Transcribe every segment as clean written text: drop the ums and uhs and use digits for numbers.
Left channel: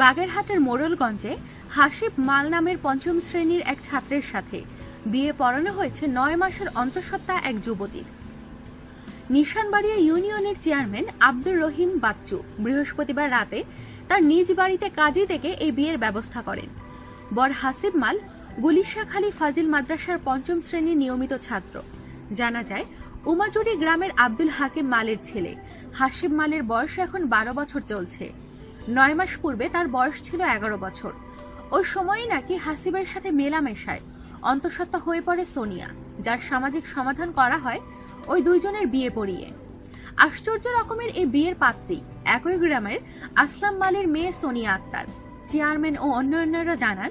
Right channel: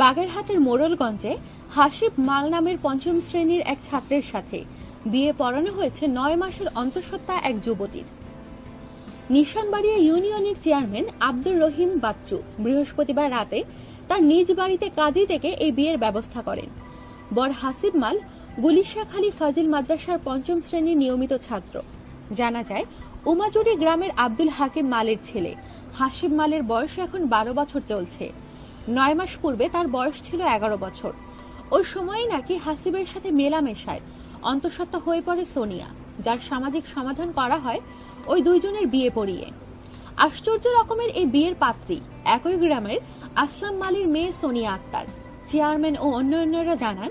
বাগেরহাটের মোড়লগঞ্জে হাসিব মাল নামের পঞ্চম শ্রেণীর এক ছাত্রের সাথে বিয়ে পড়ানো হয়েছে 9 মাসের অন্তঃসত্ত্বা এক যুবতীর। নিশানবাড়িয়া ইউনিয়নের চেয়ারম্যান আব্দুর রহিম বাচ্চু বৃহস্পতিবার রাতে তার নিজ বাড়িতে কাজী থেকে এই বিয়ের ব্যবস্থা করেন। বর হাসিব মাল গুলিশাখালী ফাজিল মাদ্রাসার পঞ্চম শ্রেণীর নিয়মিত ছাত্র। জানা যায়, উমাজুড়ি গ্রামের আব্দুল হাকিম মালের ছেলে হাসিব মালের বয়স এখন 12 বছর চলছে। 9 মাস পূর্বে তার বয়স ছিল 11 বছর। ওই সময়ই নাকি হাসিবের সাথে মেলামেশায় অন্তঃসত্ত্বা হয়ে পড়ে সোনিয়া, যার সামাজিক সমাধান করা হয় ওই দুইজনের বিয়ে পড়িয়ে। আশ্চর্য রকমের এই বিয়ের পাত্রী একই গ্রামের আসলাম মালের মেয়ে সোনিয়া আক্তার। চেয়ারম্যান ও অন্যান্যরা জানান,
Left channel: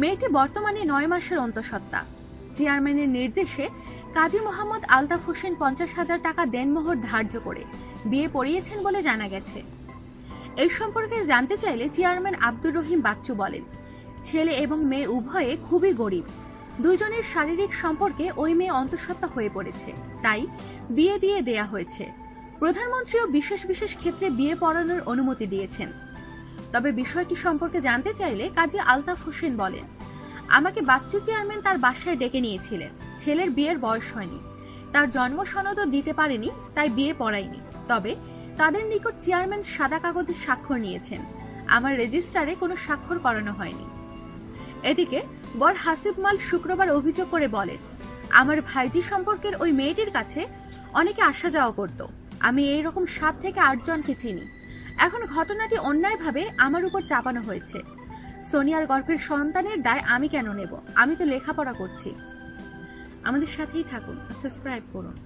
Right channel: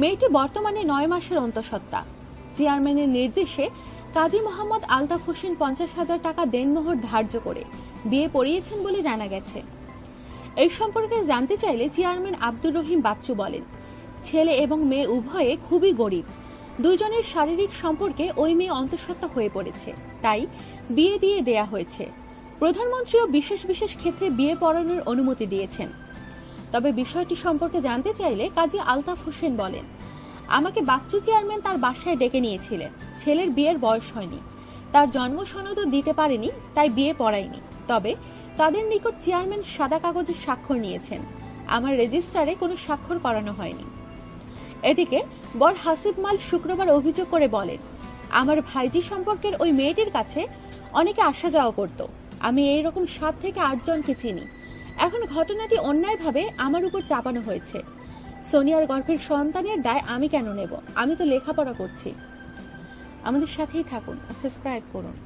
মেয়েটি বর্তমানে 9 মাসের অন্তঃসত্ত্বা। চেয়ারম্যানের নির্দেশে কাজী মোহাম্মদ আলতাফ হোসেন 50,000 টাকা দেনমোহর ধার্য করে বিয়ে পড়িয়েছেন বলে জানা গেছে। এই সম্পর্কে জানতে চাইলে চেয়ারম্যান আব্দুর রহিম বাচ্চু বলেন, ছেলে এবং মেয়ে উভয়ে খুবই গরিব। দুইজনের শারীরিক সম্পর্কে ওই মেয়ে অন্তঃসত্ত্বা হয়ে পড়েছে, তাই বিয়ে দিয়ে দেয়া হয়েছে। প্রধানমন্ত্রীও বিশেষ বিশেষ ক্ষেত্রে বিয়ে পড়ানোর অনুমতি দিয়েছেন। তবে বিষয়টি সম্পর্কে জানতে চাইলে কাজী আলতাফ হোসেন বলেন, আমাকে বাচ্চু চেয়ারম্যান তার বাসায় ডেকে নিয়েছিলেন। ছেলের বিয়ের বয়স হয়নি, তার জন্ম সনদও দিতে পারেনি, তাই বিয়ে পড়ায়নি। তবে তাদের নিকট চেয়ারম্যান সাদা কাগজে স্বাক্ষর নিয়েছেন, আমার রেজিস্ট্রারে কোনো স্বাক্ষর করানো হয়নি। এদিকে বর হাসিব মাল শুক্রবার অভিযোগ করে বলেন, আমার ভাইজি সম্পর্কের ওই মেয়েটির কাছে অনেকে আসা যাওয়া করত। আমি এইরকম 7 থেকে 8 জনকে চিনি। এখন ঘটনাটি অন্যায়ভাবে আমার উপর চাপানো হয়েছে। সোনিয়ার গর্ভের সন্তানের দায় আমি কেন নেব? আমি তো লেখাপড়া করছি। আমাদের সাথেই থাকুন, সাবস্ক্রাইব করুন।